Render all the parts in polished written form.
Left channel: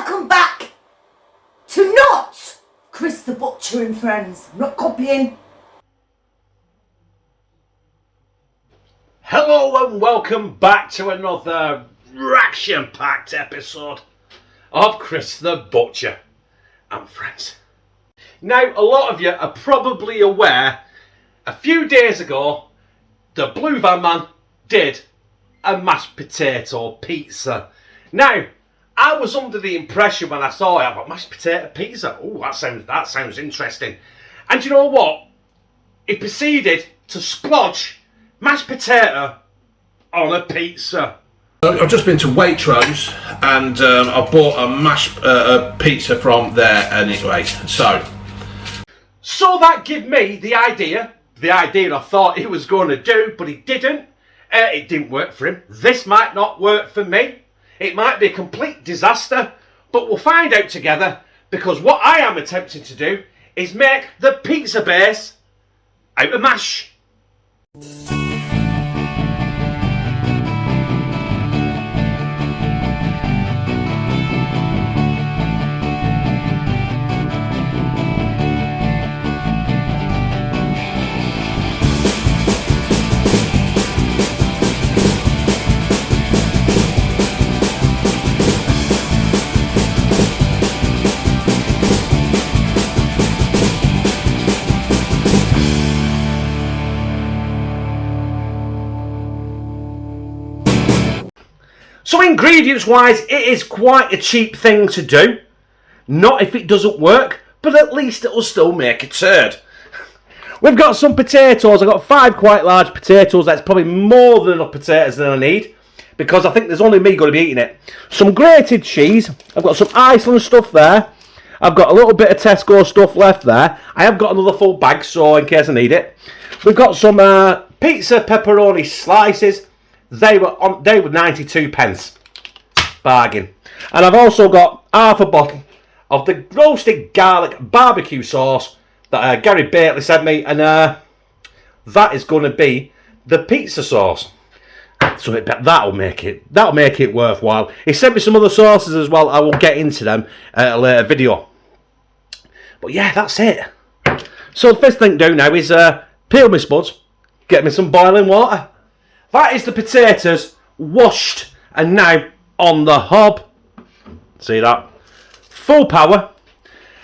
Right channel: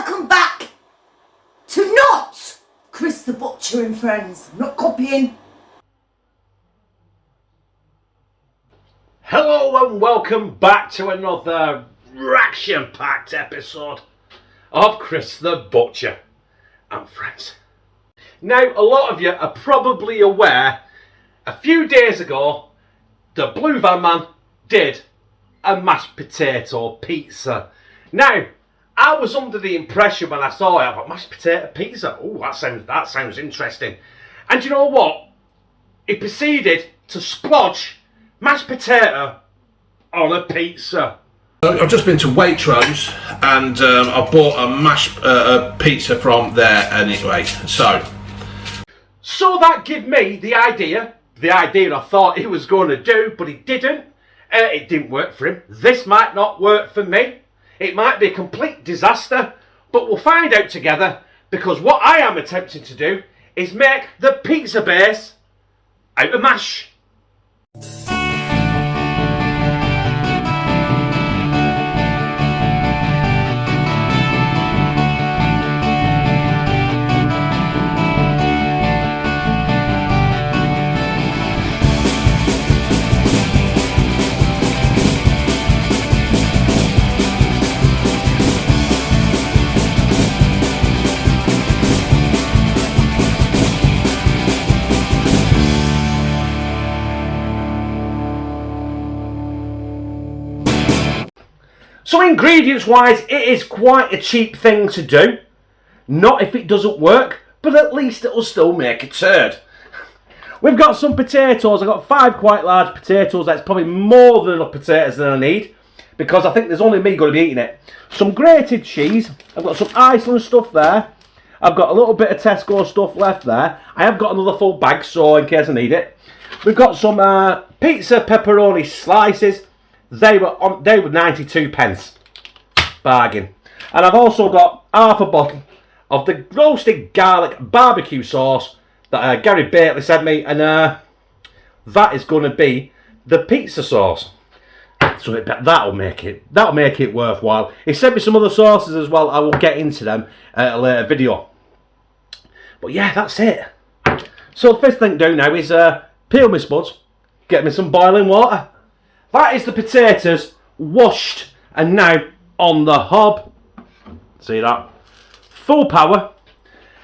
Welcome back to not Chris the Butcher and Friends. I'm not copying. Hello and welcome back to another action-packed episode of Chris the Butcher and Friends. Now, a lot of you are probably aware, a few days ago, the Blue Van Man did a mashed potato pizza. Now, I was under the impression when I saw it, I thought, mashed potato pizza? Oh, that sounds interesting. And you know what? He proceeded to splodge mashed potato on a pizza. I've just been to Waitrose and I bought a mashed pizza from there anyway. So that gave me the idea I thought he was going to do, but he didn't. It didn't work for him. This might not work for me. It might be a complete disaster, but we'll find out together, because what I am attempting to do is make the pizza base out of mash. So ingredients wise, it is quite a cheap thing to do. Not if it doesn't work, but at least it'll still make a turd. We've got some potatoes. I've got 5 quite large potatoes. That's probably more than enough potatoes than I need, because I think there's only me going to be eating it. Some grated cheese. I've got some Iceland stuff there. I've got a little bit of Tesco stuff left there. I have got another full bag, so in case I need it. We've got some pizza pepperoni slices. They were 92p. Bargain. And I've also got half a bottle of the roasted garlic barbecue sauce that Gary Bately sent me, and that is going to be the pizza sauce. So that'll make it worthwhile. He sent me some other sauces as well. I will get into them at a later video. But yeah, that's it. So the first thing to do now is peel my spuds, get me some boiling water. That is the potatoes washed and now on the hob. See that? Full power.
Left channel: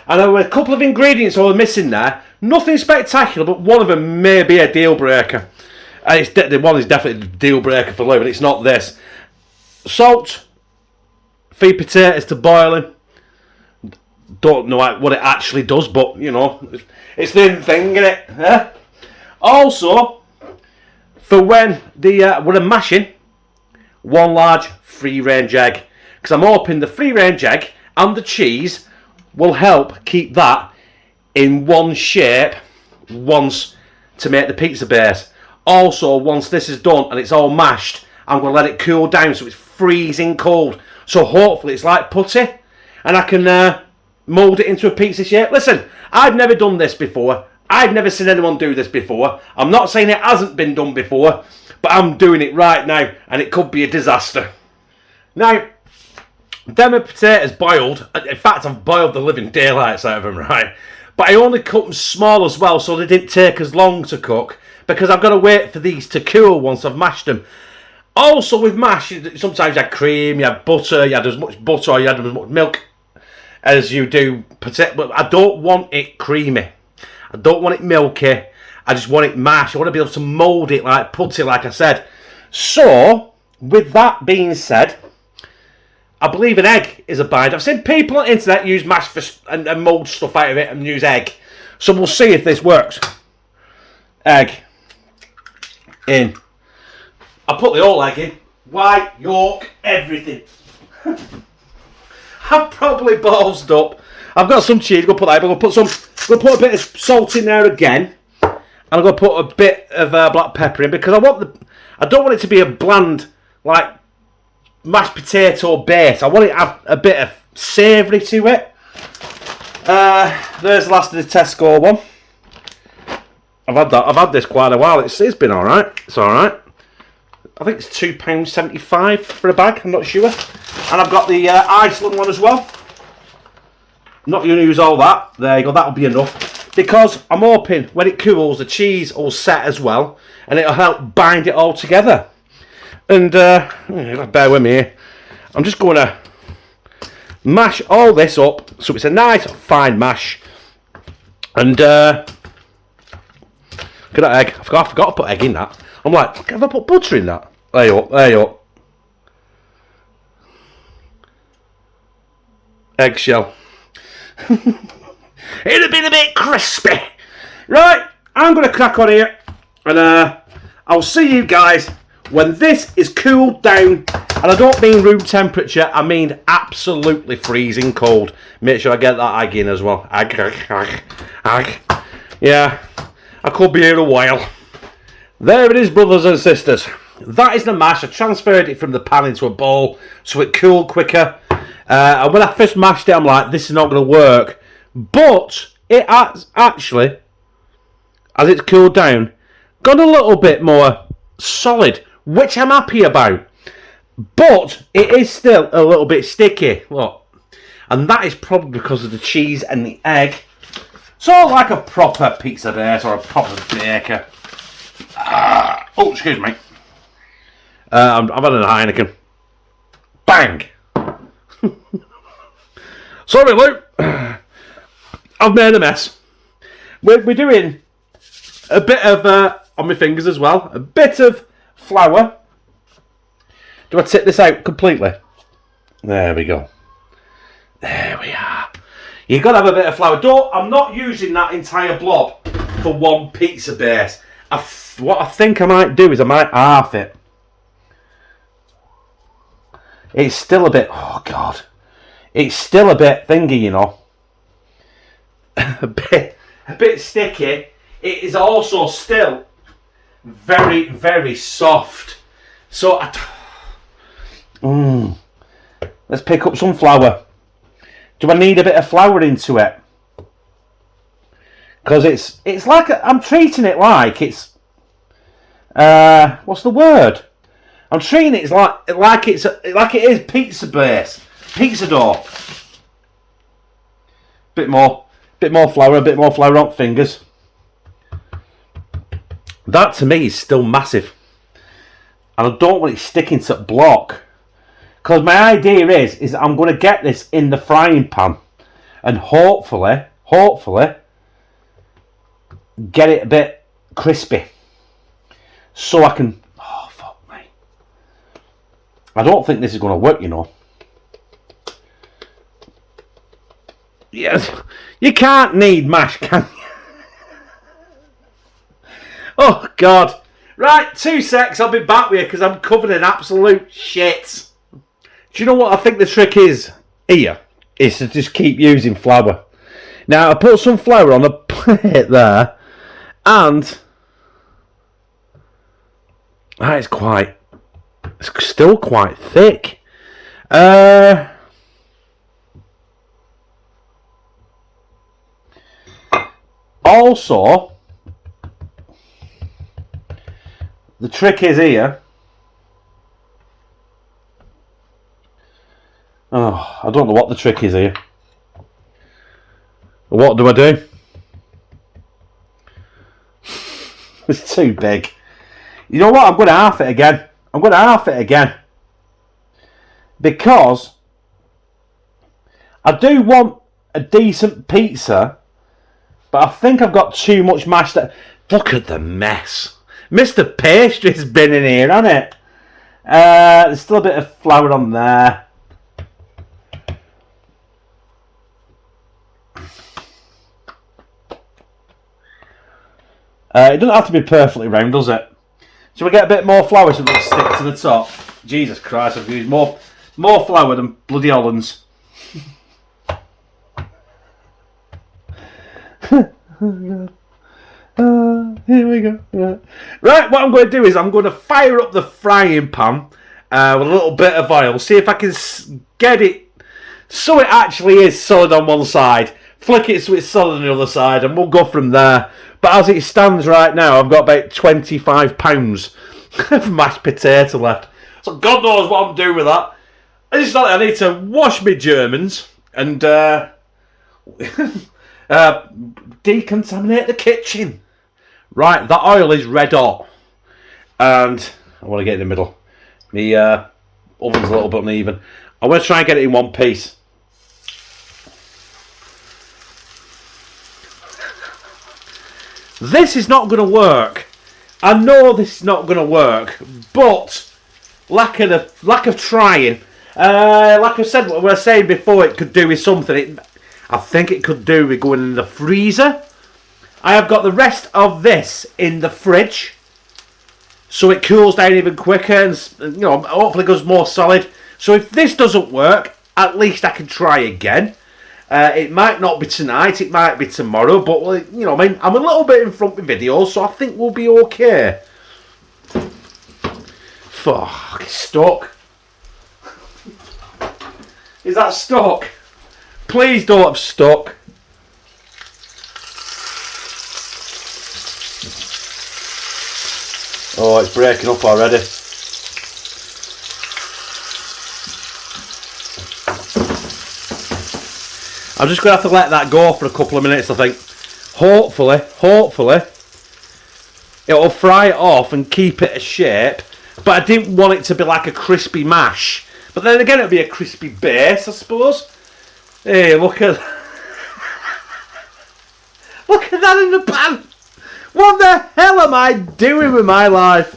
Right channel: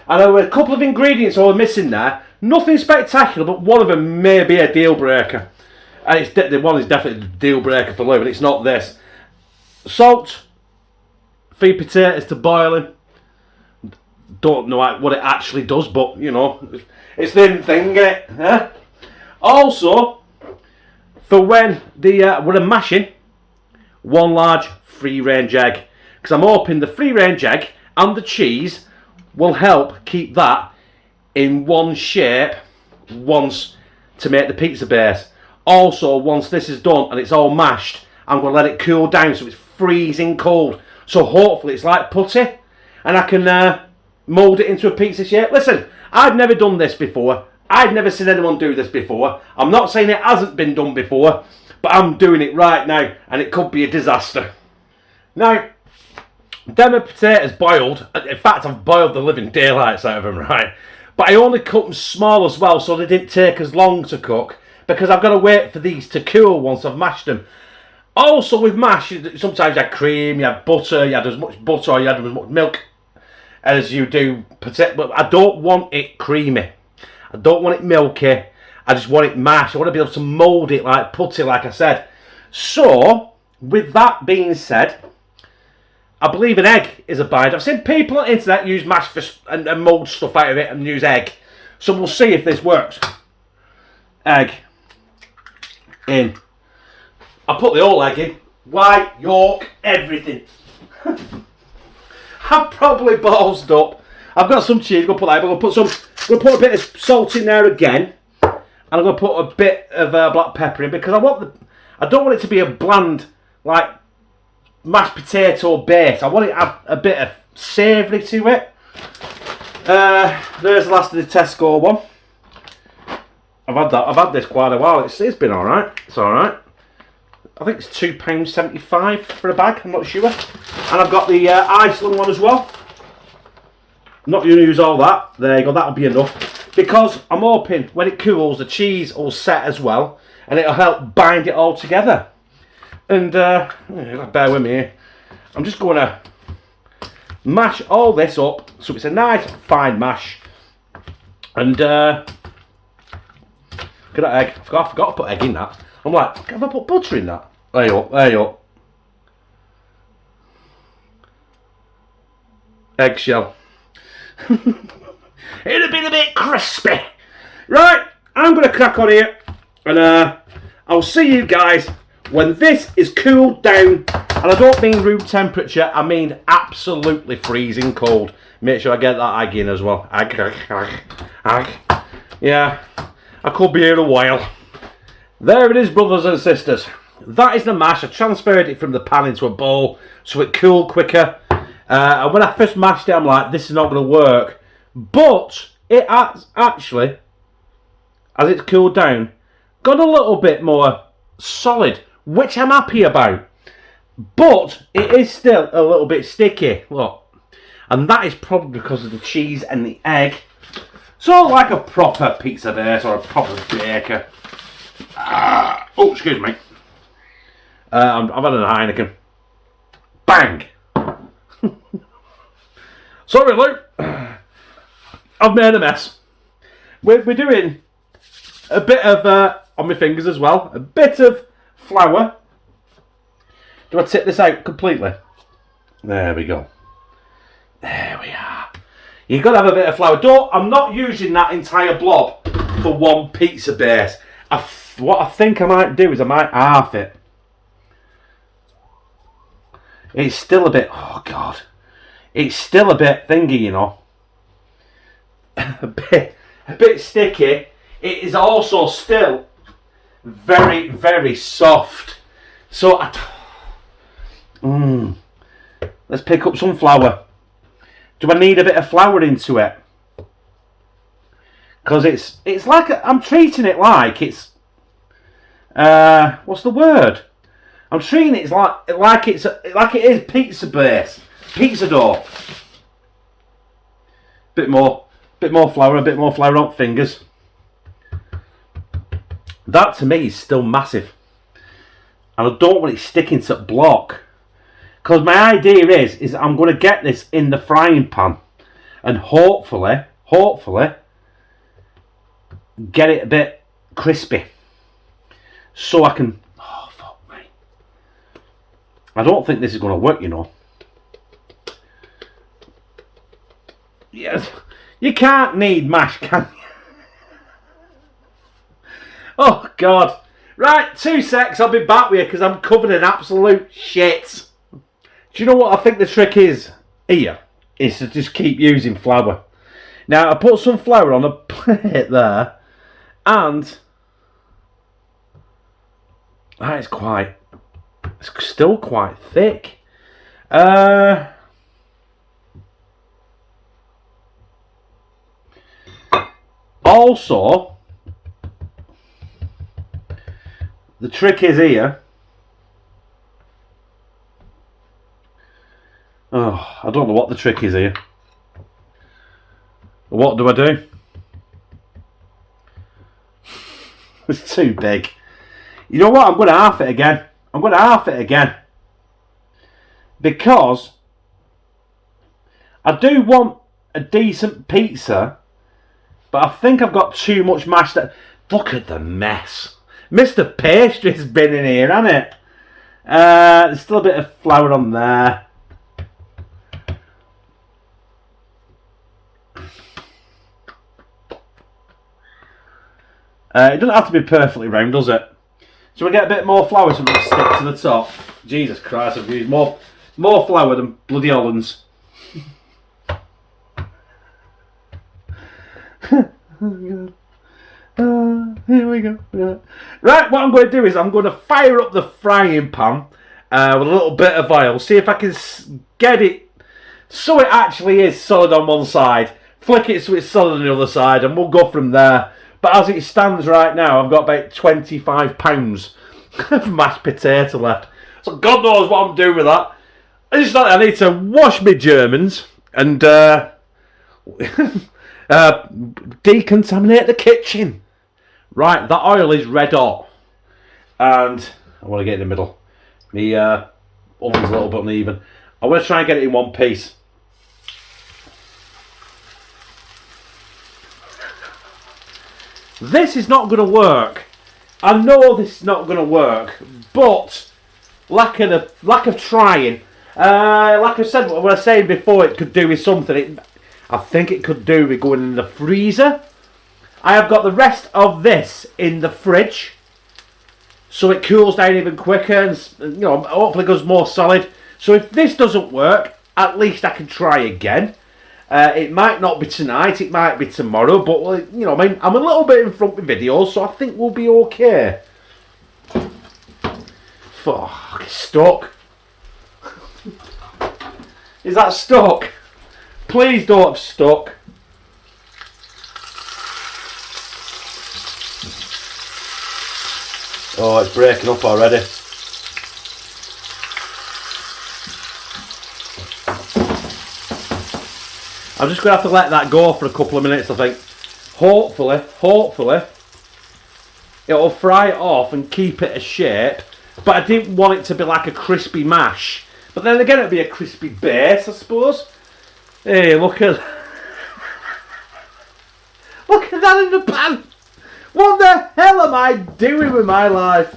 And there were a couple of ingredients I was missing there. Nothing spectacular, but one of them may be a deal breaker. And the one is definitely a deal breaker for Lou, and it's not this. Salt. Feed potatoes to boiling. Don't know what it actually does, but you know, it's the thing, isn't it? Yeah? Also, for when the mashing, 1 large free-range egg, because I'm hoping the free-range egg and the cheese will help keep that in one shape once to make the pizza base. Also, once this is done and it's all mashed, I'm going to let it cool down so it's freezing cold. So hopefully it's like putty, and I can mould it into a pizza shape. Listen, I've never done this before. I've never seen anyone do this before. I'm not saying it hasn't been done before, but I'm doing it right now, and it could be a disaster. Now, them potatoes boiled. In fact, I've boiled the living daylights out of them, right? But I only cut them small as well, so they didn't take as long to cook, because I've got to wait for these to cool once I've mashed them. Also, with mash, sometimes you had cream, you had butter, you had as much butter or you had as much milk as you do potato. But I don't want it creamy. I don't want it milky. I just want it mashed. I want to be able to mould it like putty, like I said. So, with that being said, I believe an egg is a binder. I've seen people on the internet use mash and mould stuff out of it and use egg. So we'll see if this works. Egg in. I put the whole egg in. White, yolk, everything. I've probably ballsed up. I've got some cheese. I'm going to put a bit of salt in there again, and I'm going to put a bit of black pepper in, because I don't want it to be a bland, like, mashed potato base. I want it to have a bit of savoury to it. There's the last of the Tesco one. I've had this quite a while. It's been all right. It's all right. I think it's £2.75 for a bag, I'm not sure. And I've got the Iceland one as well. not going to use all that. There you go, that'll be enough. Because I'm hoping when it cools, the cheese will set as well, and it'll help bind it all together. And bear with me here. I'm just going to mash all this up so it's a nice fine mash. And look at that egg. I forgot to put egg in that. I'm like, have I put butter in that? There you go, there you go. Eggshell. It'd have been a bit crispy. Right, I'm going to crack on here. And I'll see you guys when this is cooled down. And I don't mean room temperature, I mean absolutely freezing cold. Make sure I get that egg in as well. Egg. Yeah, I could be here a while. There it is, brothers and sisters. That is the mash. I transferred it from the pan into a bowl so it cooled quicker. And when I first mashed it, I'm like, this is not going to work. But it has actually, as it's cooled down, got a little bit more solid, which I'm happy about. But it is still a little bit sticky. Look. And that is probably because of the cheese and the egg. So like a proper pizza base or a proper baker. Oh, excuse me. I'm having a Heineken. Bang! Sorry, Luke. I've made a mess. We're doing a bit of, on my fingers as well, a bit of flour. Do I tip this out completely? There we go. There we are. You've got to have a bit of flour. I'm not using that entire blob for one pizza base. What I think I might do is I might half it. It's still a bit, oh God. It's still a bit thingy, you know. a bit sticky. It is also still very, very soft. So, let's pick up some flour. Do I need a bit of flour into it? Because it's like I'm treating it like it's what's the word? I'm treating it like it is pizza base, pizza dough. Bit more flour, a bit more flour on fingers. That to me is still massive, and I don't want it sticking to the block. Because my idea is I'm going to get this in the frying pan, and hopefully get it a bit crispy, so I can. Oh fuck me! I don't think this is going to work, you know. Yes, you can't need mash, can you? Oh God! Right, 2 secs. I'll be back with you because I'm covered in absolute shit. Do you know what I think the trick is here? Is to just keep using flour. Now I put some flour on a plate there, and it's still quite thick. Also, the trick is here. Oh, I don't know what the trick is here. What do I do? It's too big. You know what? I'm going to half it again. Because I do want a decent pizza, but I think I've got too much mash. Look at the mess. Mr. Pastry's been in here, hasn't it? There's still a bit of flour on there. It doesn't have to be perfectly round, does it? Shall we get a bit more flour so we can stick to the top? Jesus Christ, I've used more flour than bloody Hollands. Oh, God. Here we go. Yeah. Right, what I'm going to do is I'm going to fire up the frying pan with a little bit of oil. See if I can get it so it actually is solid on one side. Flick it so it's solid on the other side, and we'll go from there. But as it stands right now, I've got about 25 pounds of mashed potato left. So God knows what I'm doing with that. I need to wash my Germans and decontaminate the kitchen. Right, that oil is red hot. And I want to get in the middle. The oven's a little bit uneven. I want to try and get it in one piece. This is not going to work. I know this is not going to work, but lack of trying. Like I said, what I was saying before, it could do with something. I think it could do with going in the freezer. I have got the rest of this in the fridge, so it cools down even quicker, and you know, hopefully goes more solid. So if this doesn't work, at least I can try again. It might not be tonight, it might be tomorrow, but you know, I mean, I'm a little bit in front with videos, so I think we'll be okay. Fuck, it's stuck. Is that stuck? Please don't have stuck. Oh, it's breaking up already. I'm just going to have to let that go for a couple of minutes, I think. Hopefully, it'll fry it off and keep it a shape. But I didn't want it to be like a crispy mash. But then again, it'll be a crispy base, I suppose. Hey, look at look at that in the pan. What the hell am I doing with my life?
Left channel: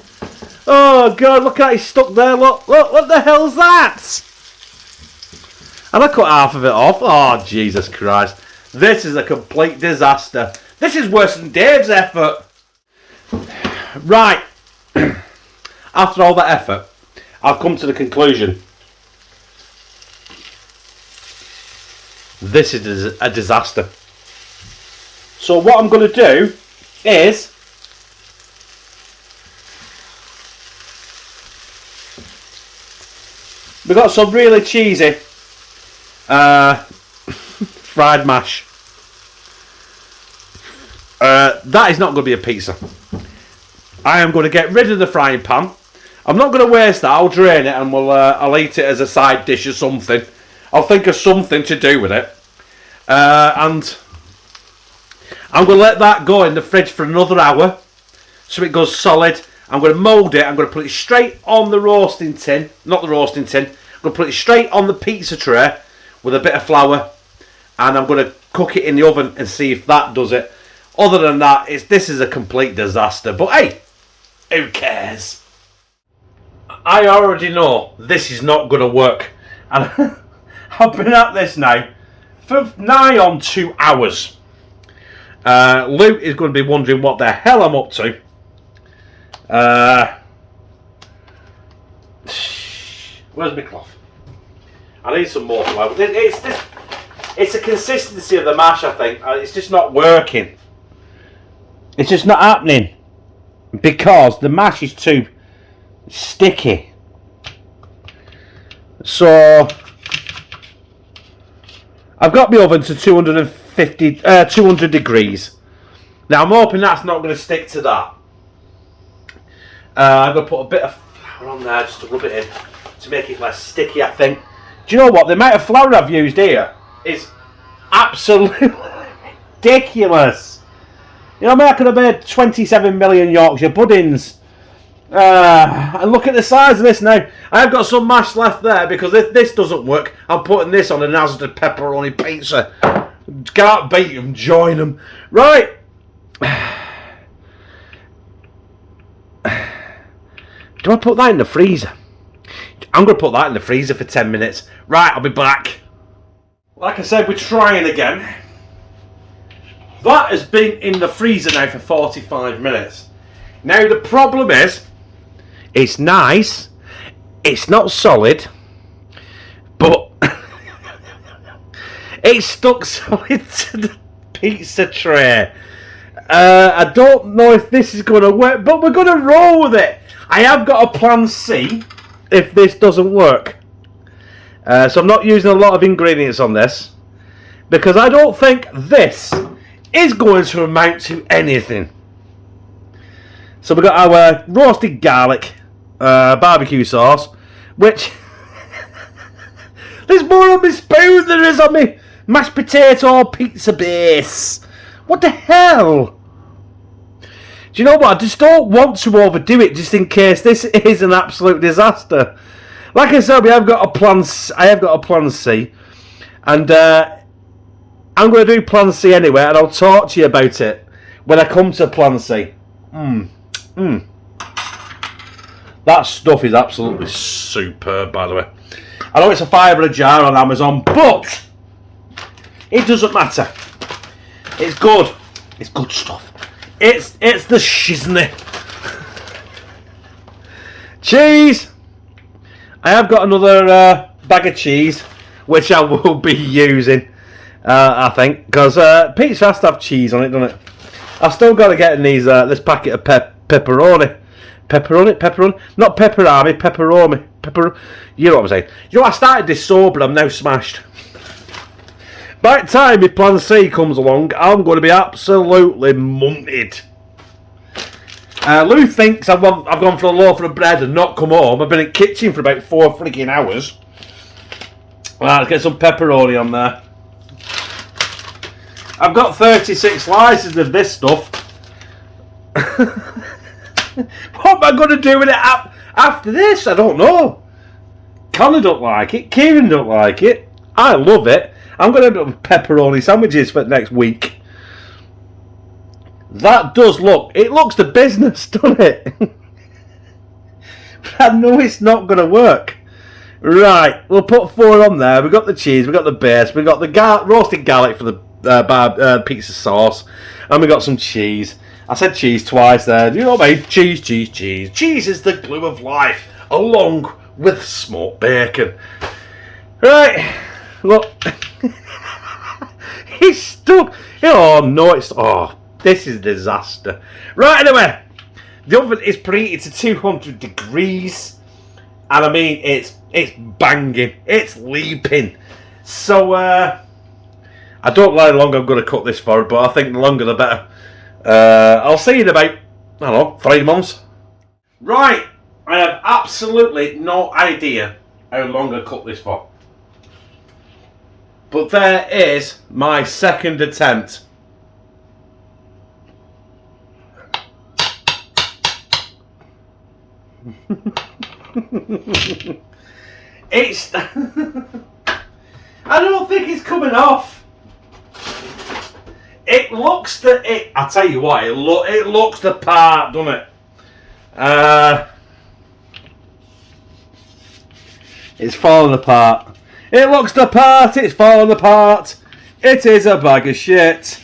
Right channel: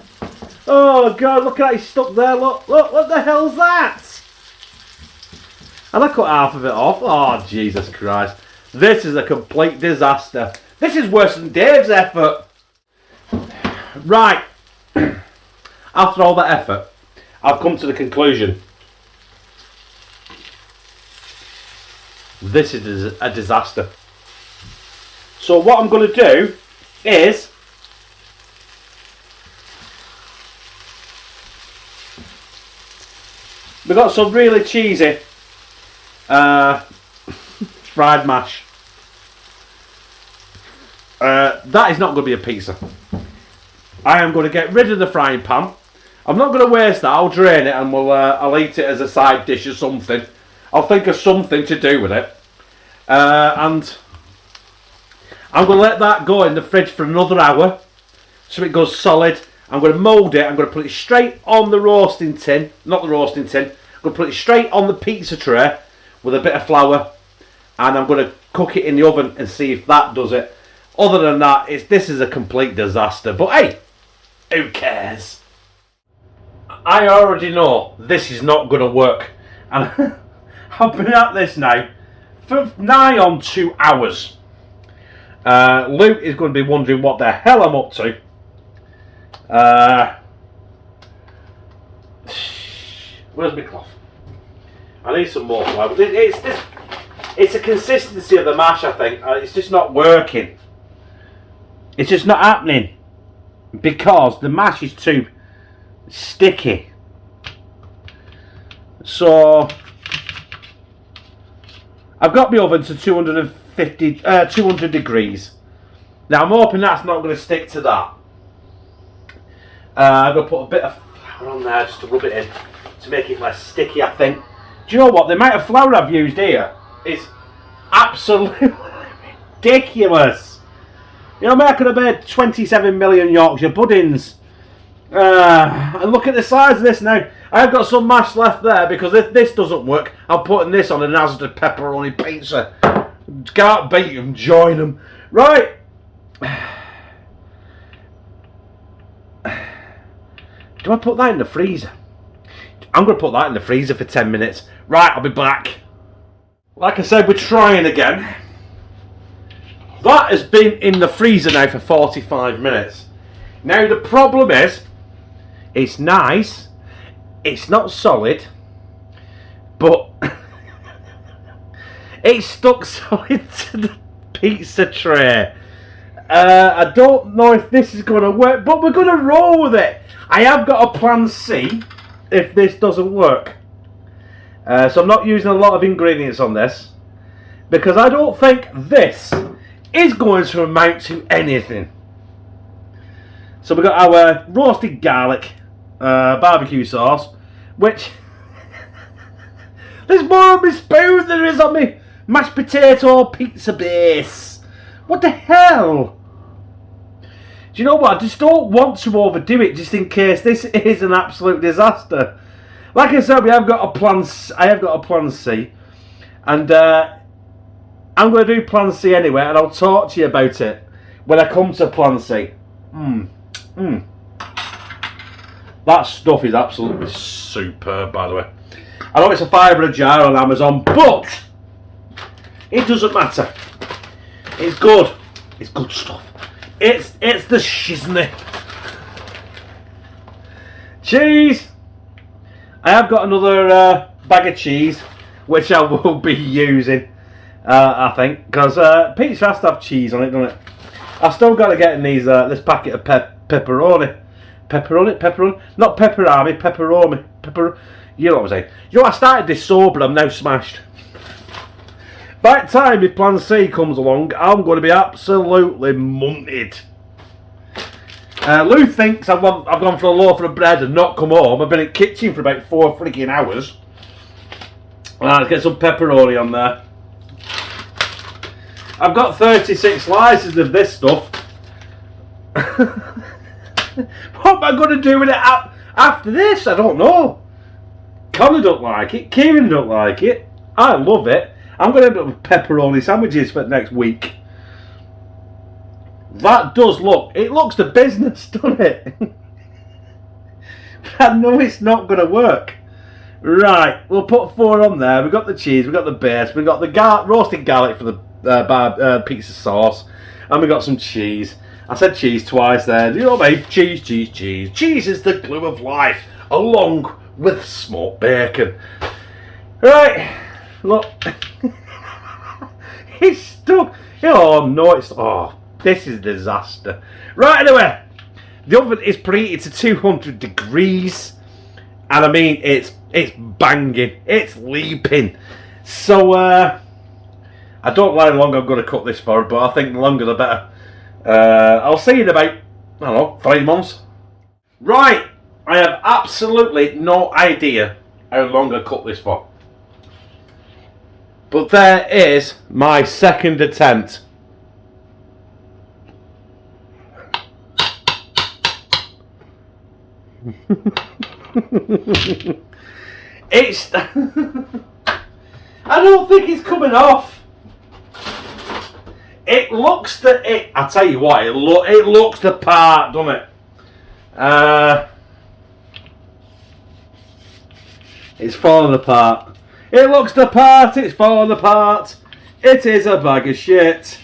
Oh God, look at it, it's stuck there. Look, what the hell's that? And I cut half of it off. Oh, Jesus Christ. This is a complete disaster. This is worse than Dave's effort. Right. After all that effort, I've come to the conclusion. This is a disaster. So what I'm going to do is we've got some really cheesy fried mash. That is not going to be a pizza. I am going to get rid of the frying pan. I'm not going to waste that. I'll drain it and I'll eat it as a side dish or something. I'll think of something to do with it. And I'm going to let that go in the fridge for another hour so it goes solid. I'm going to mould it. I'm going to put it straight on the roasting tin. Not the roasting tin. I'm going to put it straight on the pizza tray with a bit of flour. And I'm going to cook it in the oven and see if that does it. Other than that, this is a complete disaster. But hey, who cares? I already know this is not going to work. And I've been at this now for nigh on 2 hours. Luke is going to be wondering what the hell I'm up to. Where's my cloth? I need some more flour. It's a consistency of the mash, I think. It's just not working. It's just not happening. Because the mash is too sticky. So I've got my oven to 200 degrees. Now I'm hoping that's not going to stick to that. I'm going to put a bit of flour on there just to rub it in to make it less sticky, I think. Do you know what? The amount of flour I've used here is absolutely ridiculous. You know, I mean, I could have made 27 million Yorkshire puddings. And look at the size of this now. I've got some mash left there because if this doesn't work, I'm putting this on a Asda pepperoni pizza. Can't beat them, join them. Right. Do I put that in the freezer? I'm going to put that in the freezer for 10 minutes. Right, I'll be back. Like I said, we're trying again. That has been in the freezer now for 45 minutes. Now the problem is, it's nice, it's not solid, but it's stuck solid to the pizza tray. I don't know if this is going to work, but we're going to roll with it. I have got a plan C if this doesn't work. So I'm not using a lot of ingredients on this, because I don't think this is going to amount to anything. So we've got our roasted garlic barbecue sauce, which there's more on my spoon than there is on Mashed potato pizza base. What the hell? Do you know what? I just don't want to overdo it, just in case this is an absolute disaster. Like I said, I have got a plan C, and I'm going to do plan C anyway, and I'll talk to you about it when I come to plan C. That stuff is absolutely superb, by the way. I know it's a $5 a jar on Amazon, but it doesn't matter. It's good. It's good stuff. It's the shiznit. Cheese. I have got another bag of cheese, which I will be using, I think, because pizza has to have cheese on it, doesn't it? I've still got to get in these this packet of pepperoni. Pepperoni? Not pepperami, pepperoni. You know what I'm saying. You know, I started this sober, I'm now smashed. By the time my plan C comes along, I'm going to be absolutely munted. Lou thinks I've gone for a loaf of bread and not come home. I've been in the kitchen for about 4 freaking hours. Let's get some pepperoni on there. I've got 36 slices of this stuff. What am I going to do with it after this? I don't know. Connor don't like it. Kieran don't like it. I love it. I'm going to end up with pepperoni sandwiches for next week. That does look... It looks the business, doesn't it? But I know it's not going to work. Right, we'll put 4 on there. We've got the cheese, we've got the base, we've got the roasted garlic for the pizza sauce, and we've got some cheese. I said cheese twice there. You know what I mean? Cheese. Cheese is the glue of life, along with smoked bacon. Right, look. It's stuck. Oh no, this is a disaster. Right, anyway, the oven is preheated to 200 degrees, and I mean it's banging, it's leaping. So I don't know how long I'm going to cook this for, but I think the longer the better. I'll see you in about, I don't know, 3 months. Right, I have absolutely no idea how long I cook this for. But there is my second attempt. It's... I don't think it's coming off. It looks I tell you what, it looks the part, doesn't it? It's falling apart. It looks the part, it's falling apart. It is a bag of shit.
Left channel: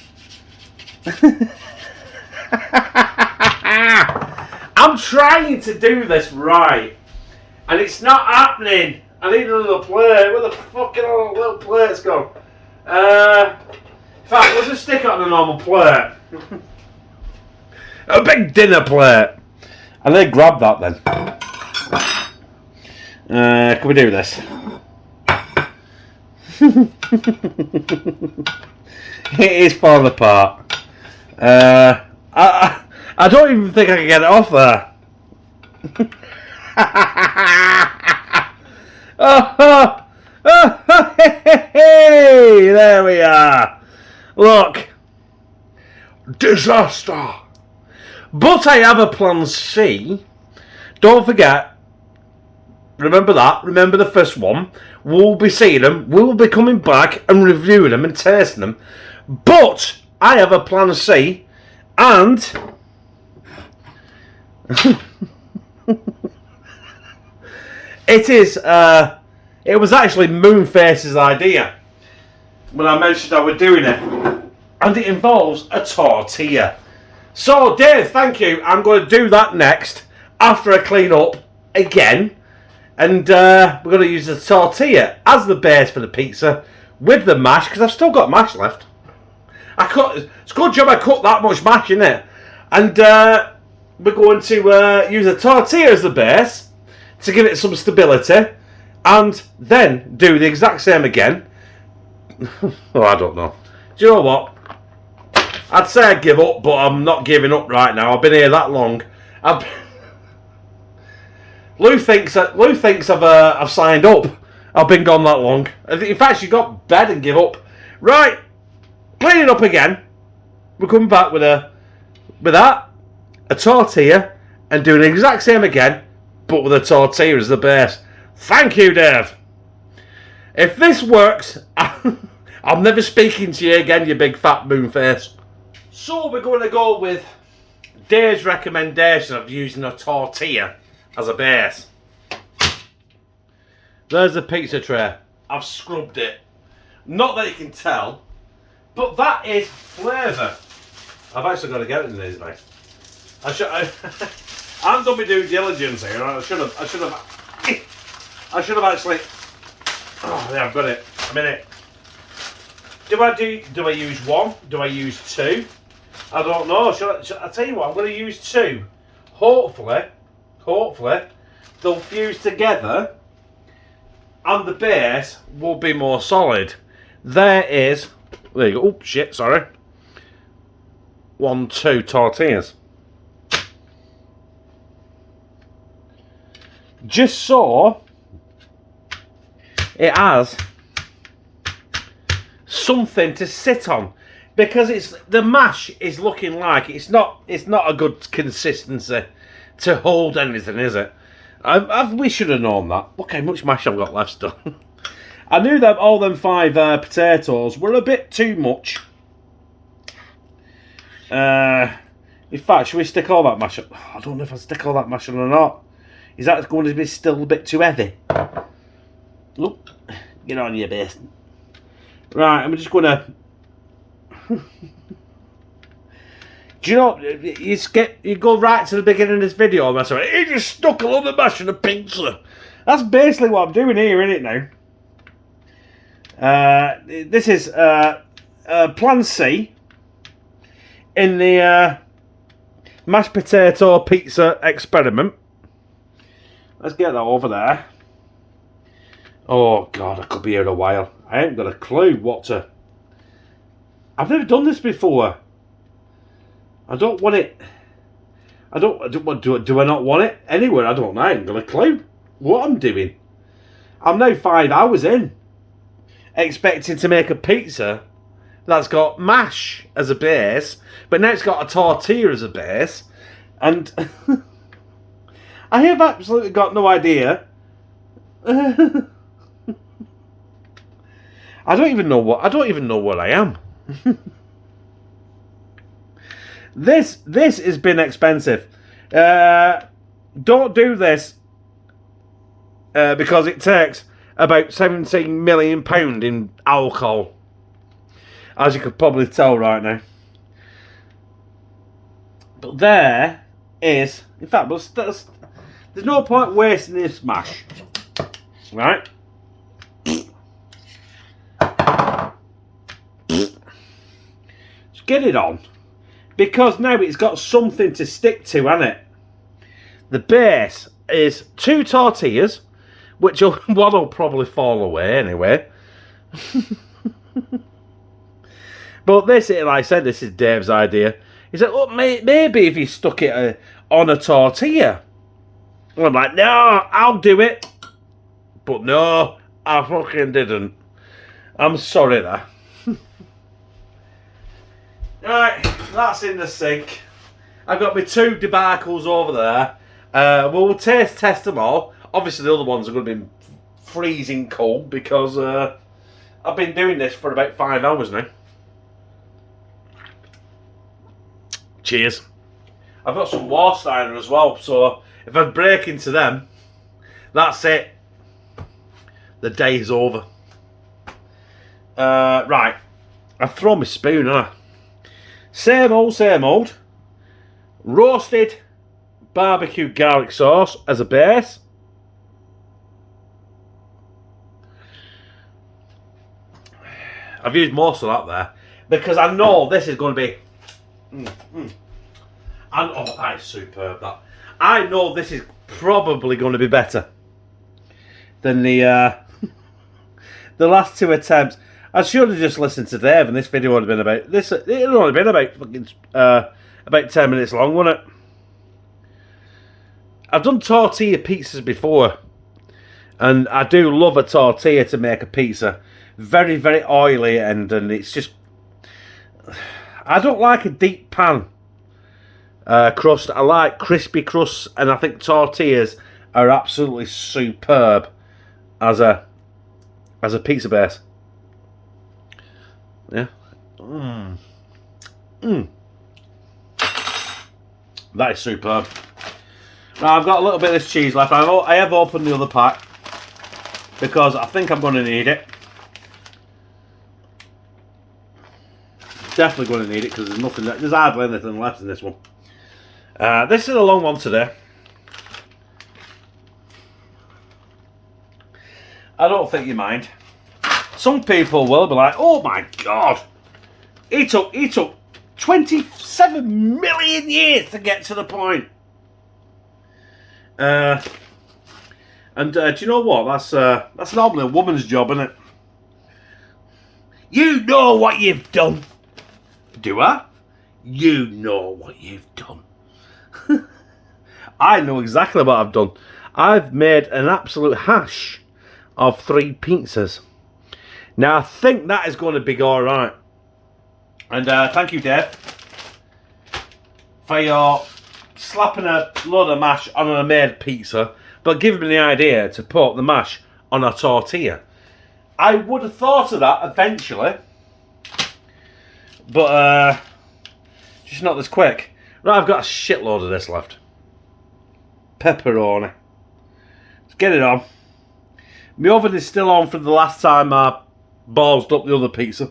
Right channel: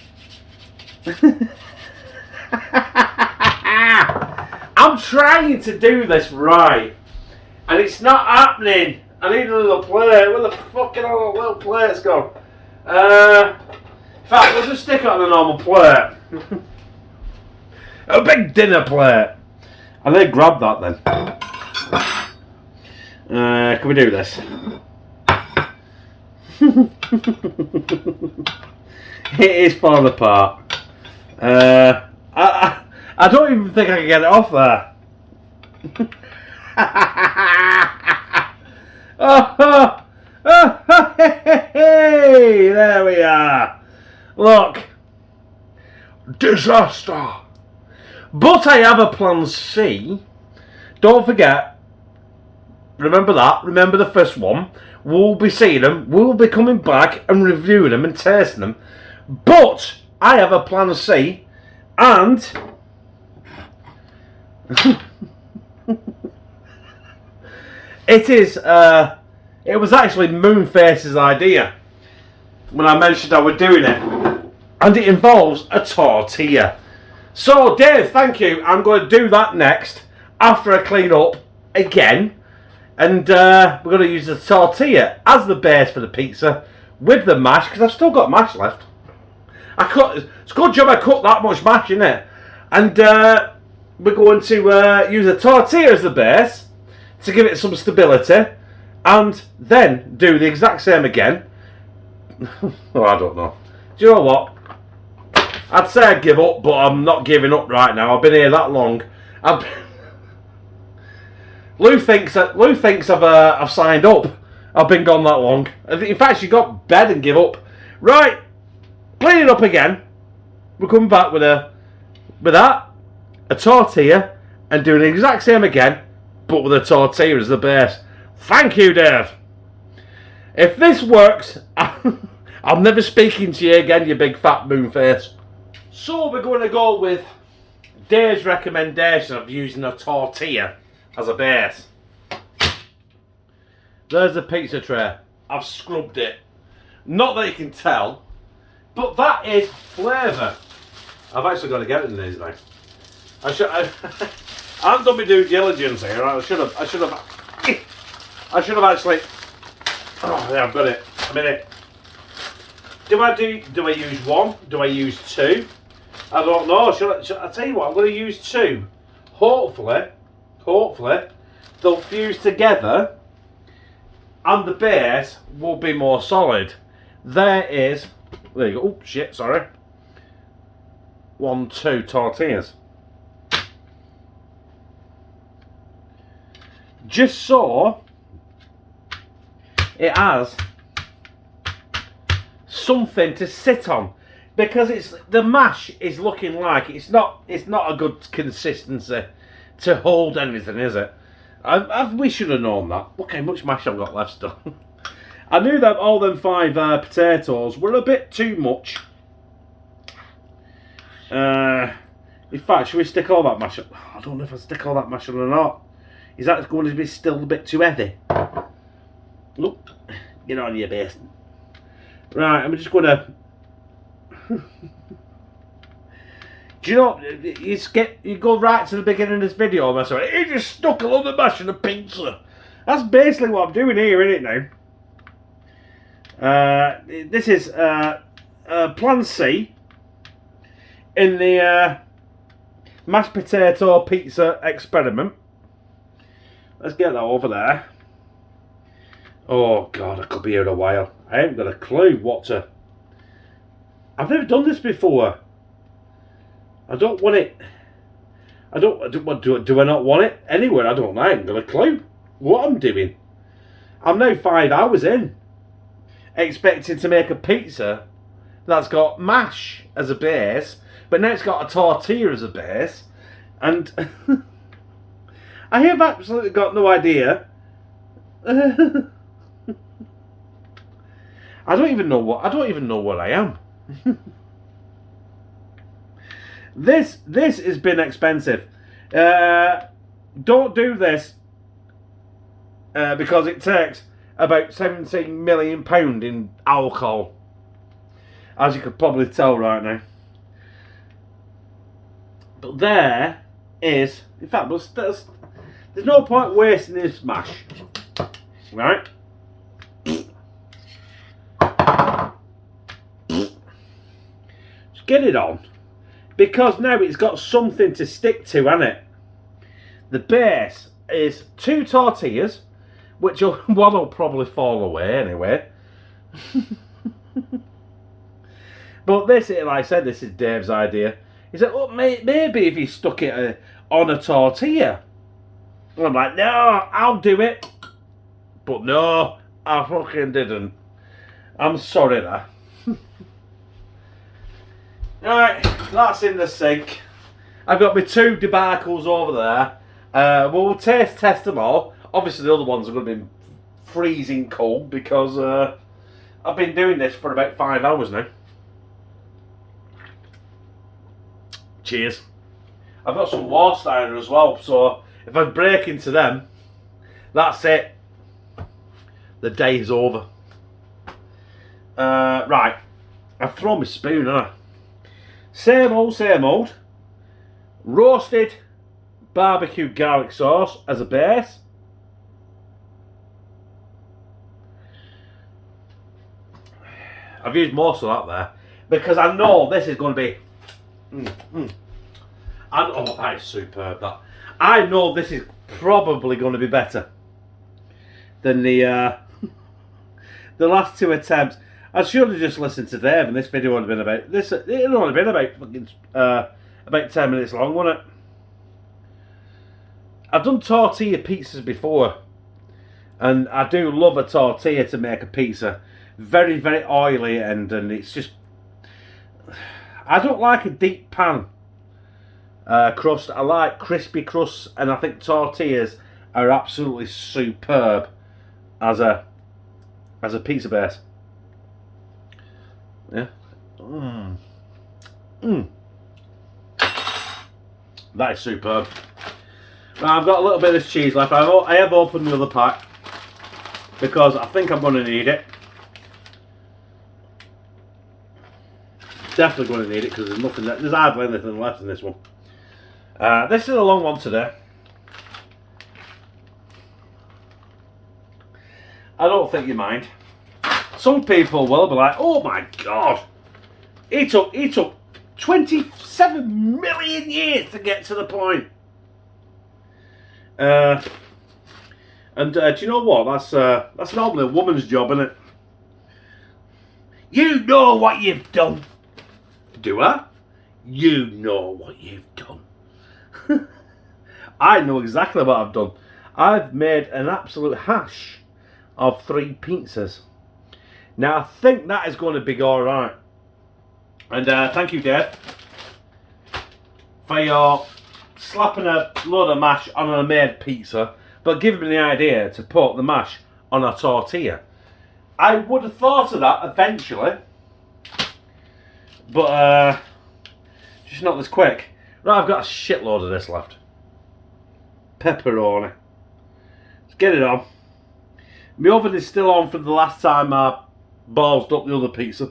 I'm trying to do this right, and it's not happening. I need another plate. Where the fucking other little plates go? In fact, we'll just stick it on a normal plate. A big dinner plate. And then grab that then. Can we do this? It is falling apart. I don't even think I can get it off there. Hey, there we are. Look. Disaster. But I have a plan C. Don't forget. Remember that. Remember the first one. We'll be seeing them. We'll be coming back and reviewing them and tasting them. But I have a plan C. And... it was actually Moonface's idea when I mentioned I was doing it, and it involves a tortilla. So Dave, thank you. I'm going to do that next after I clean up again, and we're going to use the tortilla as the base for the pizza with the mash, because I've still got mash left. It's a good job I cooked that much mash in it, and we're going to use the tortilla as the base to give it some stability, and then do the exact same again. Oh, I don't know. Do you know what? I'd say I give up, but I'm not giving up right now. I've been here that long. Lou thinks I've signed up. I've been gone that long. In fact, she got bed and give up. Right, clean it up again. We're coming back with that, a tortilla, and doing the exact same again, but with a tortilla as the base. Thank you, Dave. If this works, I'm never speaking to you again, you big fat moon face. So we're going to go with Dave's recommendation of using a tortilla as a base. There's the pizza tray. I've scrubbed it. Not that you can tell, but that is flavour. I've actually got to get it in these now. I haven't done my due diligence here. I should have actually. Oh, yeah, I've got it. A minute. Do I use one? Do I use two? I don't know. Shall I tell you what? I'm going to use two. Hopefully, they'll fuse together, and the base will be more solid. There you go. Oh shit! Sorry. 1, 2 tortillas. Just so it has something to sit on, because the mash is looking like it's not a good consistency to hold anything, is it? We should have known that. Look how much mash I've got left still. I knew that all them 5 potatoes were a bit too much. In fact, should we stick all that mash on? I don't know if I stick all that mash on or not. Is that going to be still a bit too heavy? Look, get on your base. Right, I'm just going to... Do you know, you go right to the beginning of this video and that's right, you just stuck a lot of mash in a pizza. That's basically what I'm doing here, isn't it now? This is Plan C in the mashed potato pizza experiment. Let's get that over there. Oh God, I could be here a while. I ain't got a clue what to... I've never done this before. I don't want it... Do I not want it anywhere? I don't know. I ain't got a clue what I'm doing. I'm now 5 hours in, expecting to make a pizza that's got mash as a base, but now it's got a tortilla as a base, and I have absolutely got no idea. I don't even know what I am. This has been expensive. Don't do this because it takes about £17 million in alcohol, as you could probably tell right now. But there is, in fact, there's no point wasting this mash, right? Just get it on, because now it's got something to stick to, hasn't it? The base is 2 tortillas, which one will probably fall away anyway. But this, like I said, this is Dave's idea. He said, "Oh, maybe if you stuck it on a tortilla." And I'm like, "No, I'll do it." But no, I fucking didn't. I'm sorry there. Alright, that's in the sink. I've got my 2 debacles over there. We'll taste test them all. Obviously the other ones are going to be freezing cold because I've been doing this for about 5 hours now. Cheers. I've got some Warsteiner as well, so if I break into them, that's it. The day is over. Right, I've thrown my spoon, haven't I? Same old. Roasted barbecue garlic sauce as a base. I've used most of that there because I know this is going to be... Oh, that is superb, that. I know this is probably going to be better than the last 2 attempts. I should have just listened to Dave, and this video would have been about this. It would only been about 10 minutes long, wouldn't it? I've done tortilla pizzas before, And I do love a tortilla to make a pizza. Very, very oily, and it's just... I don't like a deep pan crust. I like crispy crusts, and I think tortillas are absolutely superb as a pizza base. Yeah. That is superb. Now I've got a little bit of this cheese left. I have opened the other pack because I think I'm going to need it. Definitely going to need it because there's hardly anything left in this one. This is a long one today. I don't think you mind. Some people will be like, "Oh my god, it took 27 million years to get to the point." And do you know what? That's normally a woman's job, isn't it? You know what you've done. Do I? You know what you've done. I know exactly what I've done. I've made an absolute hash of 3 pizzas. Now I think that is going to be alright. And thank you, Dave, for your slapping a load of mash on a made pizza, but giving me the idea to put the mash on a tortilla. I would have thought of that eventually, but just not this quick. Right, I've got a shitload of this left. Pepperoni. Let's get it on. My oven is still on from the last time I ballsed up the other pizza.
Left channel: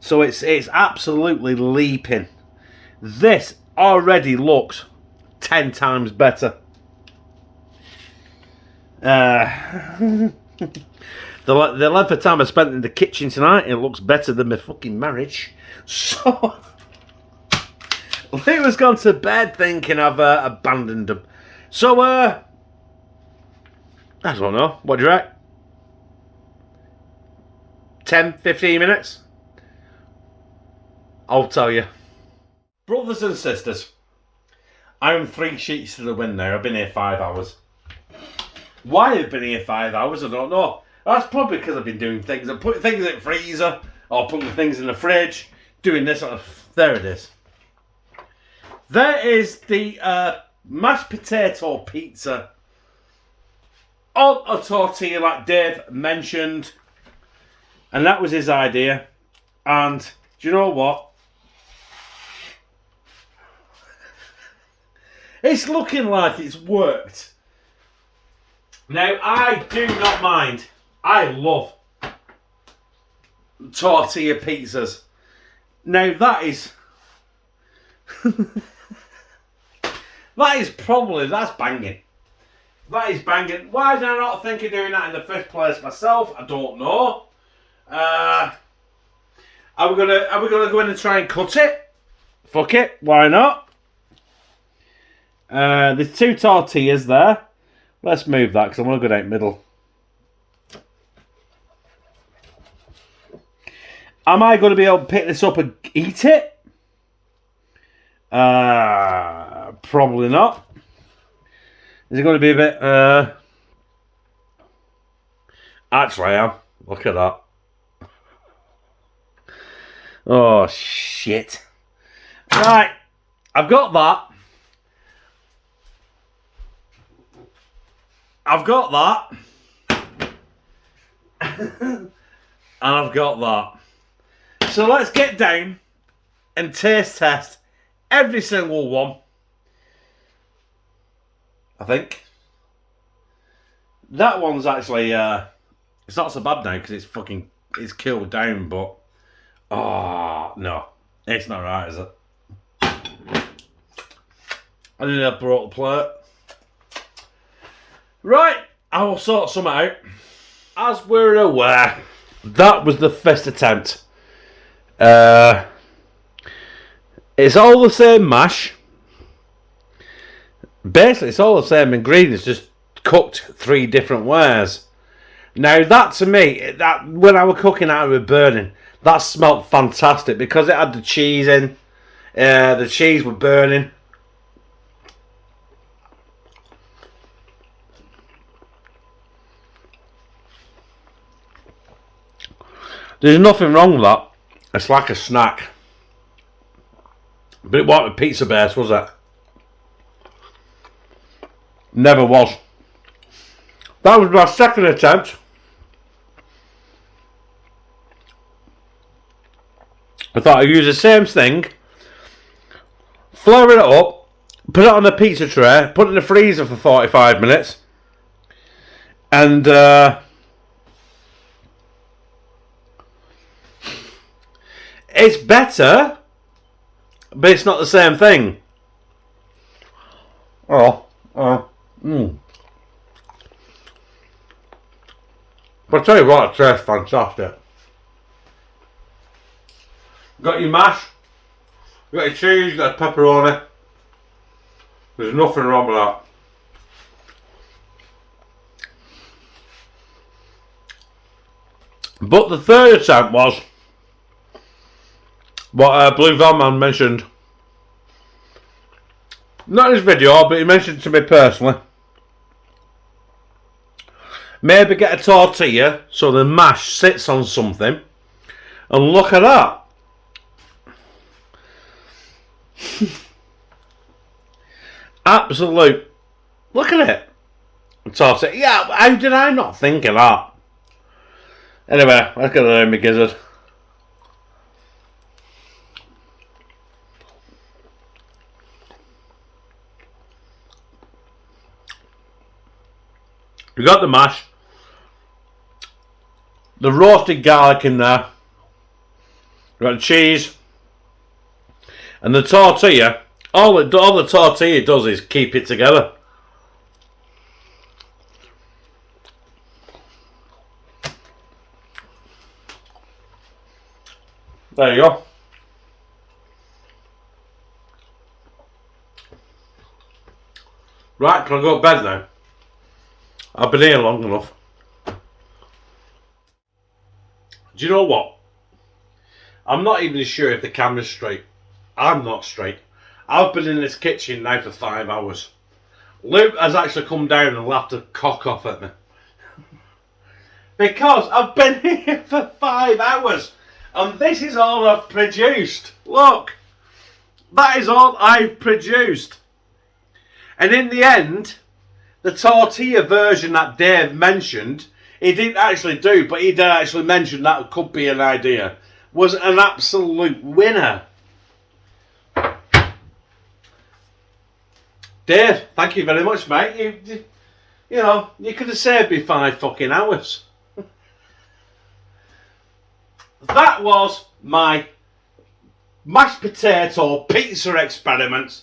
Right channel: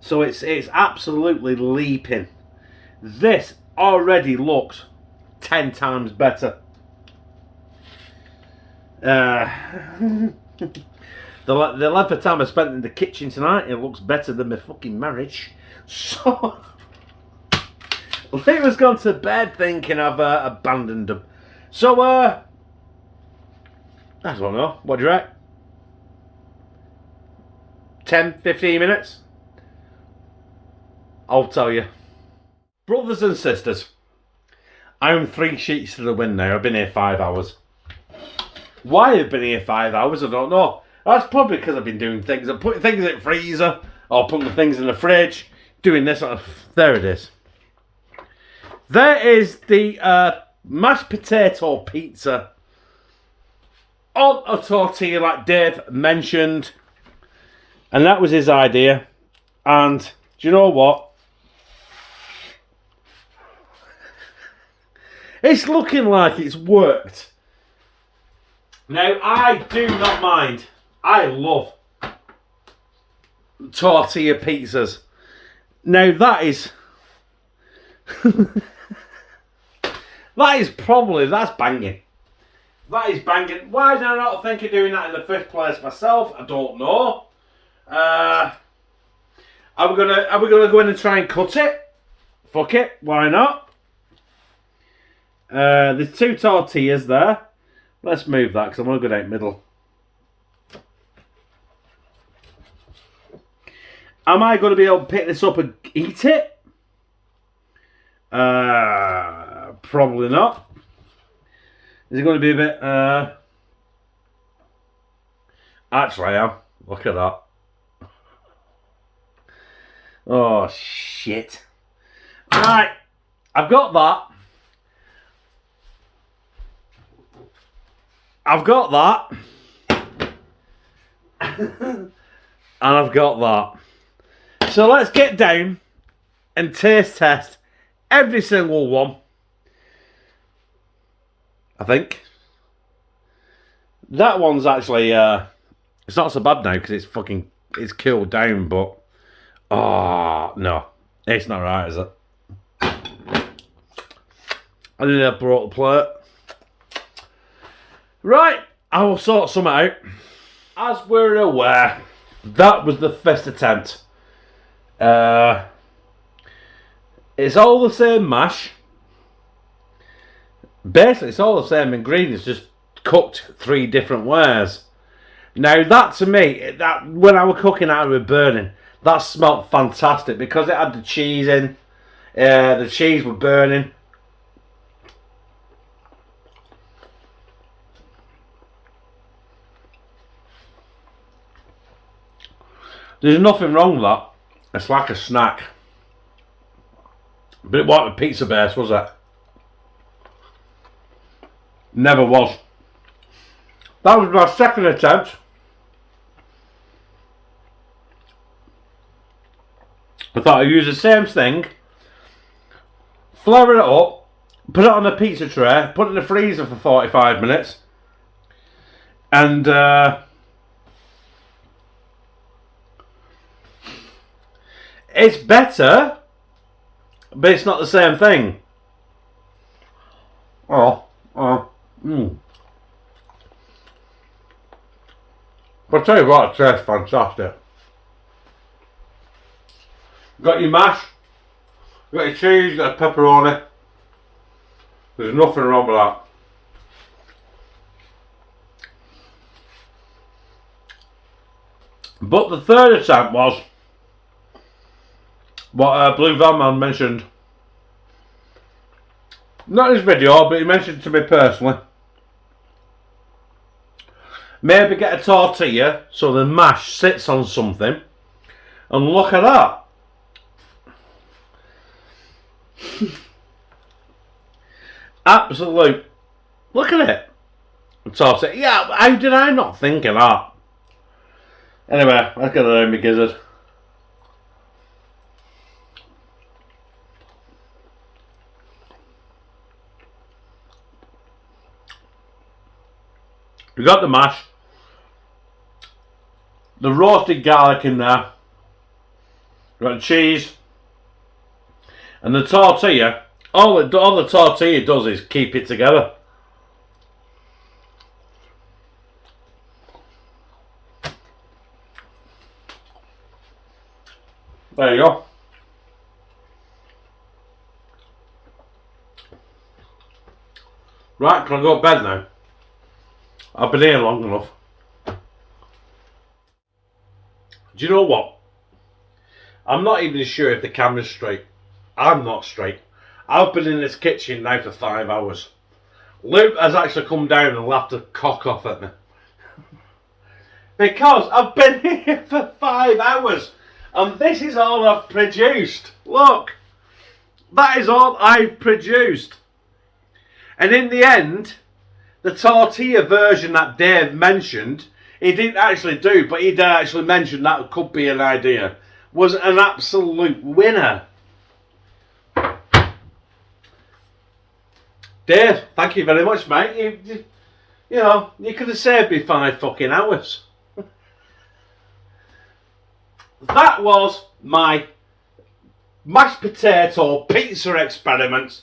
So it's absolutely leaping. This already looks 10 times better. The length of time I spent in the kitchen tonight, it looks better than my fucking marriage. So Lee was gone to bed thinking I've abandoned them. So I don't know. What do you reckon? 10, 15 minutes? I'll tell you. Brothers and sisters, I'm 3 sheets to the wind now. I've been here 5 hours. Why I've been here 5 hours, I don't know. That's probably because I've been doing things. I'm putting things in the freezer, or putting things in the fridge, doing this. There it is. There is the mashed potato pizza on a tortilla, like Dave mentioned. And that was his idea. And do you know what? It's looking like it's worked. Now, I do not mind. I love tortilla pizzas. Now, that is... that's banging. That is banging. Why did I not think of doing that in the first place myself? I don't know. Are we gonna go in and try and cut it? Fuck it, why not? There's 2 tortillas there. Let's move that because I want to go down middle. Am I going to be able to pick this up and eat it? Probably not. Is it going to be a bit... Actually, I am. Look at that. Oh, shit. Right. I've got that. I've got that. And I've got that. So let's get down and taste test every single one. I think. That one's actually, it's not so bad now because it's cooled down, but, oh, no. It's not right, is it? I need to brought the plate. Right, I will sort some out. As we're aware, that was the first attempt. It's all the same mash. Basically, it's all the same ingredients, just cooked 3 different ways. Now, that to me, that when I was cooking out of it burning, that smelled fantastic because it had the cheese in. The cheese was burning. There's nothing wrong with that. It's like a snack. But it wasn't a pizza base, was it? Never was. That was my second attempt. I thought I'd use the same thing, flour it up, put it on a pizza tray, put it in the freezer for 45 minutes, and it's better, but it's not the same thing. But I'll tell you what, it tastes fantastic. Got your mash, got your cheese, got a pepperoni. There's nothing wrong with that. But the third attempt was what Blue Van Man mentioned. Not in his video, but he mentioned it to me personally. Maybe get a tortilla so the mash sits on something. And look at that. Absolute. Look at it. Tortilla. Yeah, how did I not think of that? Anyway, let's get it in my gizzard. You got the mash, the roasted garlic in there, you got the cheese, and the tortilla. All the tortilla does is keep it together. There you go. Right, can I go to bed now? I've been here long enough. Do you know what? I'm not even sure if the camera's straight. I'm not straight. I've been in this kitchen now for 5 hours. Luke has actually come down and laughed a cock off at me. Because I've been here for 5 hours. And this is all I've produced. Look. That is all I've produced. And in the end, the tortilla version that Dave mentioned, he didn't actually do, but he did actually mention that could be an idea, was an absolute winner. Dave, thank you very much, mate. You know, you could have saved me 5 fucking hours. That was my mashed potato pizza experiment.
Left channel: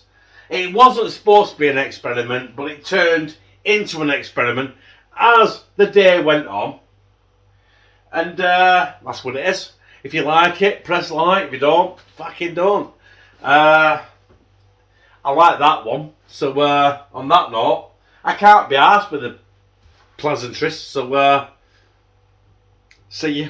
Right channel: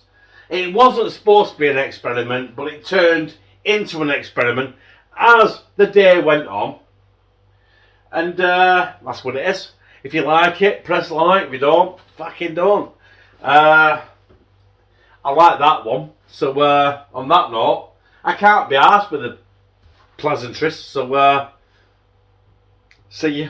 It wasn't supposed to be an experiment, but it turned into an experiment as the day went on. And that's what it is. If you like it, press like. If you don't, fucking don't. I like that one. So on that note, I can't be arsed with the pleasantries. So see you.